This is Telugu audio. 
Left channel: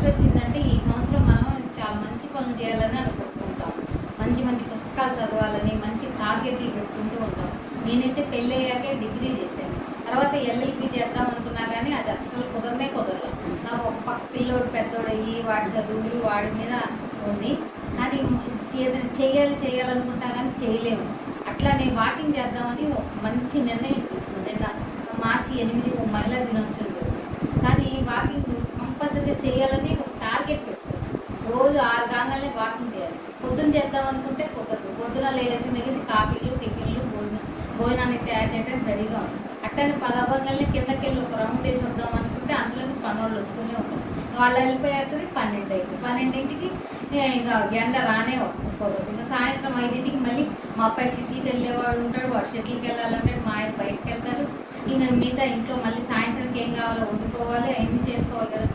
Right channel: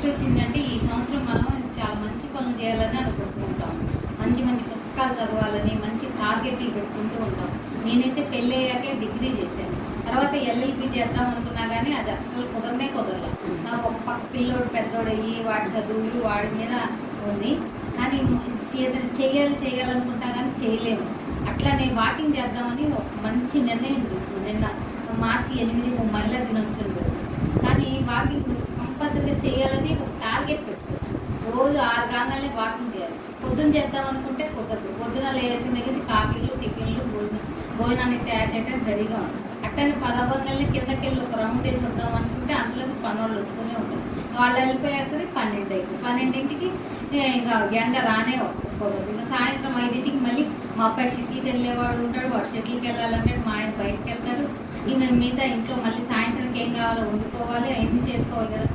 ఫస్ట్ వచ్చిందంటే ఈ సంవత్సరం మనం చాలా మంచి పనులు చేయాలని అనుకుంటుంటాం. మంచి మంచి పుస్తకాలు చదవాలని మంచి టార్గెట్లు పెట్టుకుంటూ ఉంటాం. నేనైతే పెళ్ళి అయ్యాకే డిగ్రీ చేశాను. తర్వాత ఎల్ఎల్బి చేద్దాం అనుకున్నా కానీ అది అస్సలు కుదరలేదు. నాకు ఒక పక్క పిల్లోడు పెద్దోడయ్యి వాడి చదువులు వాడి మీద ఉంది. కానీ చేయాలనుకుంటా కానీ చేయలేము. అట్లానే వాకింగ్ చేద్దామని ఒక మంచి నిర్ణయం తీసుకున్నాను. నిన్న మార్చి 8 మహిళా దినోత్సవం రోజు. కానీ వాకింగ్ కంపల్సరీగా చేయాలని ఒక టార్గెట్ పెట్టుకున్నాను. రోజు 6 గంటలనే వాకింగ్ చేయాలి. పొద్దున్న చేద్దాం అనుకుంటే కుదరదు. పొద్దున లేచిన దగ్గర నుంచి కాఫీలు టిఫిన్లు భోజనాన్ని తయారు చేయడానికి రెడీగా ఉంటుంది. అట్టని 10 అవ్వగానే కిందకి వెళ్ళి ఒక రౌండ్ వేసి వద్దాం అనుకుంటే అందులోకి పనులు వస్తూనే ఉంటాం. వాళ్ళు వెళ్ళిపోయేసరికి 12 అవుతుంది. 12ంటికి ఇంకా ఎండ రానే వస్తుంది కుదరదు. ఇంకా సాయంత్రం 5ంటికి మళ్ళీ మా అబ్బాయి షటిల్కి వెళ్ళేవాడు ఉంటాడు. వాడు షటిల్కి వెళ్ళాలంటే మా ఆయన బయటకు వెళ్తారు. ఇంకా మిగతా ఇంట్లో మళ్ళీ సాయంత్రానికి ఏం కావాలో వండుకోవాలి, అవన్నీ చేసుకోవాలి కదా.